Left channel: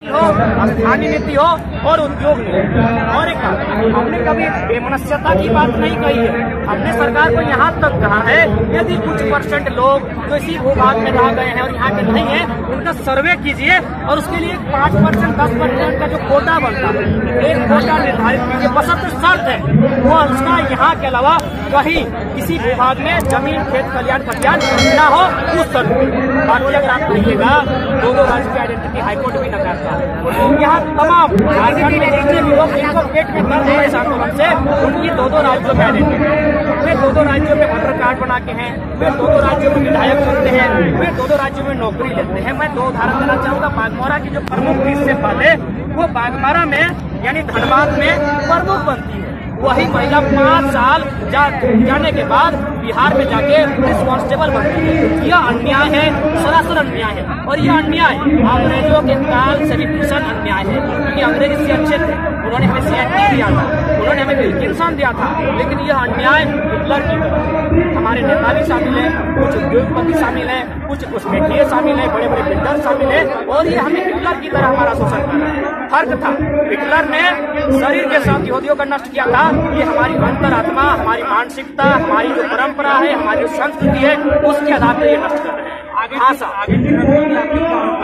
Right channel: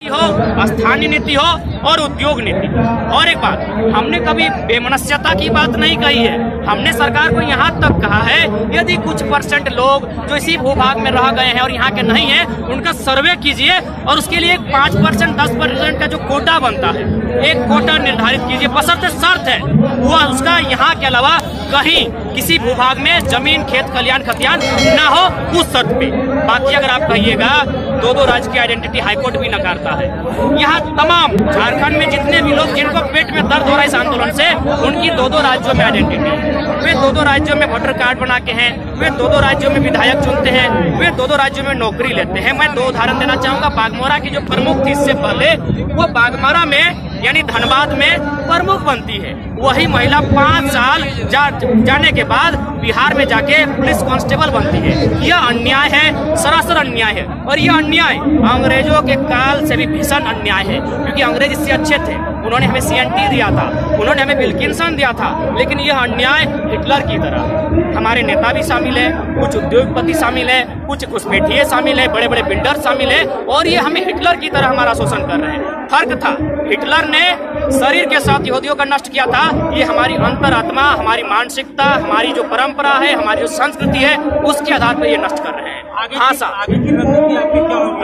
हो, स्थानीय नीति हो और उद्योग नीति। और एक बात, हमने कभी बेमनस्यता की बात नहीं कही है। हमने सरकार को यहाँ तक कहा है, यदि कुछ परसेंट लोग जो इसी भूभाग में रह गए हैं और यहाँ के नहीं हैं, उनका सर्वे कीजिए और उसके लिए 5% 10% का जो कोटा बनता है, एक कोटा निर्धारित कीजिए, बशर्ते शर्त है वो उसका यहाँ के अलावा कहीं किसी भूभाग में जमीन, खेत, खलियान, खतियान ना हो, उस शर्त पे। बाकी अगर आप कहिएगा दो राज्य की आइडेंटिटी हाईकोर्ट भी नकारता है। यहाँ तमाम झारखंड में जितने भी लोग जिनको पेट में दर्द हो रहा है इस आंदोलन से, उनकी दो राज्यों में आइडेंटिटी है। वे दो राज्यों में वोटर कार्ड बना के हैं, वे दो राज्यों में विधायक चुनते हैं, वे दो राज्यों में नौकरी लेते हैं। मैं 2 उदाहरण देना चाहूंगा। बागमोरा की जो प्रमुख थी इससे पहले, वो बागमोरा में यानी धनबाद में प्रमुख बनती है। वही महिला 5 साल जाने के बाद बिहार में जाके पुलिस कांस्टेबल बनती है। यह अन्याय है, सरासर अन्याय है। और यह अन्याय अंग्रेजों के काल से भी भीषण अन्याय है, क्योंकि अंग्रेज इससे अच्छे थे। उन्होंने हमें CNT दिया था, उन्होंने हमें विल्किंसन दिया था, लेकिन यह अन्याय हिटलर की तरह। हमारे नेता भी शामिल है, कुछ उद्योगपति शामिल है, कुछ घुसपैठिए शामिल है, बड़े बड़े बिल्डर शामिल है, और ये हमें हिटलर की तरह हमारा शोषण कर रहे हैं। फर्क था, हिटलर ने शरीर के साथ यहूदियों का नष्ट किया था, ये हमारी अंतरात्मा, हमारी मानसिकता, हमारी जो परंपरा है, हमारी जो संस्कृति है, उसके आधार पर ये नष्ट कर रहे हैं। भाषा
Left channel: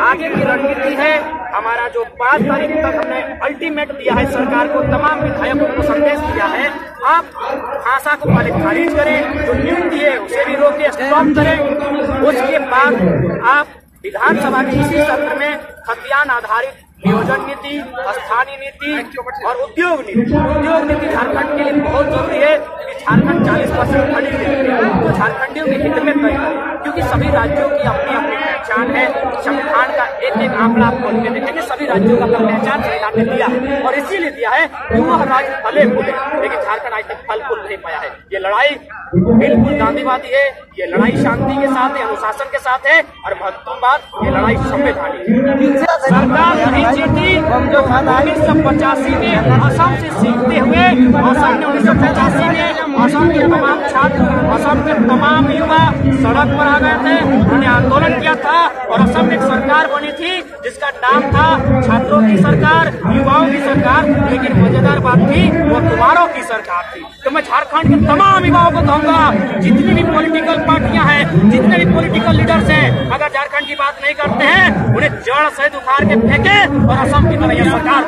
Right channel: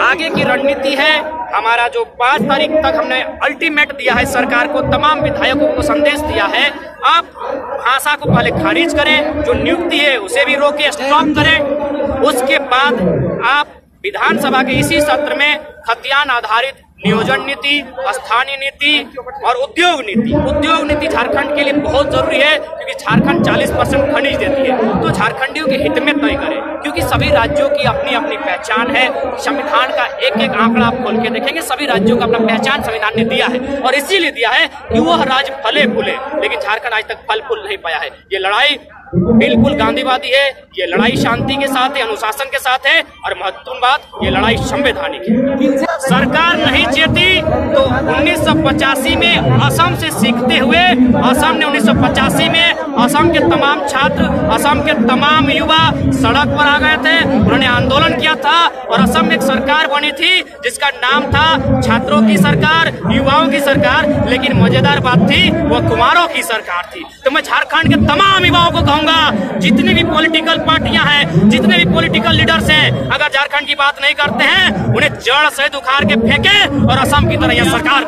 आगे की रणनीति है हमारा। जो 5 तारीख तक हमने अल्टीमेट दिया है सरकार को, तमाम विधायकों को संदेश दिया है, आप भाषा को पहले खारिज करें, जो नियुक्ति है उसे भी रोके, स्टॉप करें। उसके बाद आप विधानसभा के इसी सत्र में खतियान आधारित नियोजन नीति, स्थानीय नीति और उद्योग नीति झारखंड के लिए बहुत जरूरी है, क्योंकि झारखंड 40% खनिज देती है। तो झारखंडियों के हित में तय करें, क्योंकि सभी राज्यों की अपनी अपनी पहचान है। संविधान का एक आंकड़ा आप खोल के देखेंगे, सभी राज्यों का अपना पहचान संविधान ने दिया है, और इसीलिए दिया है कि वो राज्य फले फूले। लेकिन झारखंड आज तक फल फूल नहीं पाया है। ये लड़ाई बिल्कुल गांधीवादी है, ये लड़ाई शांति के साथ है, अनुशासन के साथ है, और महत्वपूर्ण बात, ये लड़ाई संवैधानिक है। सरकार नहीं चाहती तो 1985 में असम से सीखते हुए, असम ने 1985 में असम के तमाम छात्र, असम के तमाम युवा सड़क पर आ गए थे, उन्होंने आंदोलन किया था, और असम में एक सरकार बनी थी जिसका नाम था छात्रों की सरकार, युवाओं की सरकार। लेकिन मजेदार बात थी, वो कुमारों की सरकार थी। तो मैं झारखंड के तमाम युवाओं को कहूंगा, जितनी भी पॉलिटिकल पार्टियां हैं, जितने भी पॉलिटिकल लीडर्स हैं, अगर झारखंड की बात नहीं करते हैं, उन्हें जड़ से उखाड़ के फेंके और असम की तरह यह सरकार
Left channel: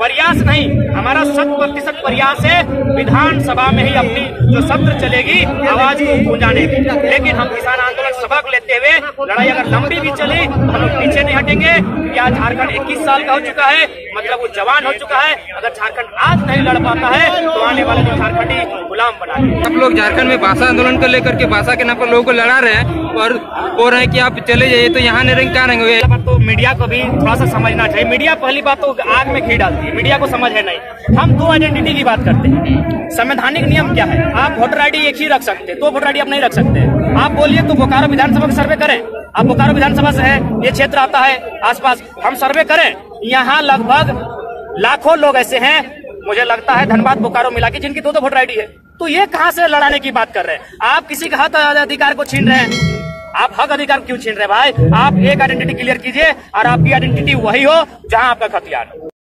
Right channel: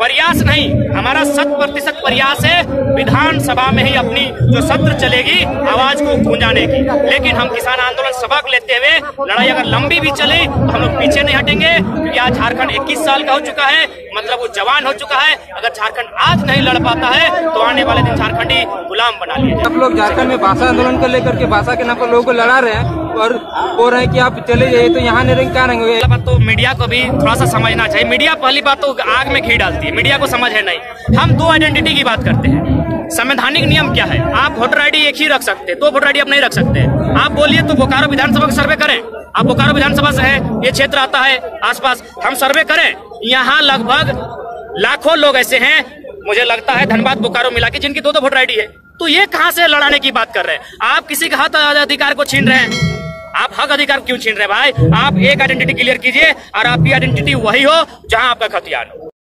प्रयास नहीं, हमारा 100% प्रयास है विधानसभा में ही अपनी जो सत्र चलेगी आवाज को गूंजाने की। लेकिन हम किसान आंदोलन सबक लेते हुए लड़ाई अगर लंबी भी चले तो हम लोग पीछे नहीं हटेंगे, क्योंकि आज झारखंड 21 साल का हो चुका है, मतलब वो जवान हो चुका है। अगर झारखंड आज नहीं लड़ पाता है तो आने वाले दिन झारखंडी गुलाम बना लेंगे। आप लोग झारखंड में भाषा आंदोलन को लेकर के भाषा के नाम पर लोगों को लड़ा रहे हैं और बोल रहे हैं कि आप चले जाइए, तो यहाँ नहीं रहेंगे, क्या रहेंगे? बात तो मीडिया को भी थोड़ा सा समझना चाहिए। मीडिया पहली बात तो आग में घी डालती है, मीडिया को समझ है नहीं। हम 2 आइडेंटिटी की बात करते हैं। संवैधानिक नियम क्या है? आप वोटर ID एक ही रख सकते, 2 वोटर ID आप नहीं रख सकते। आप बोलिए तो बोकारो विधानसभा का सर्वे करें, आप बोकारो विधानसभा से है, ये क्षेत्र आता है आसपास, हम सर्वे करें। यहाँ लगभग लाखों लोग ऐसे हैं, मुझे लगता है धनबाद बोकारो मिला के, जिनकी 2 वोटर ID है। तो ये कहाँ से लड़ाने की बात कर रहे हैं? आप किसी का हक अधिकार को छीन रहे हैं। आप हक अधिकार क्यों छीन रहे हैं भाई? आप एक आइडेंटिटी क्लियर कीजिए, और आपकी आइडेंटिटी वही हो जहां आपका खतियान हो।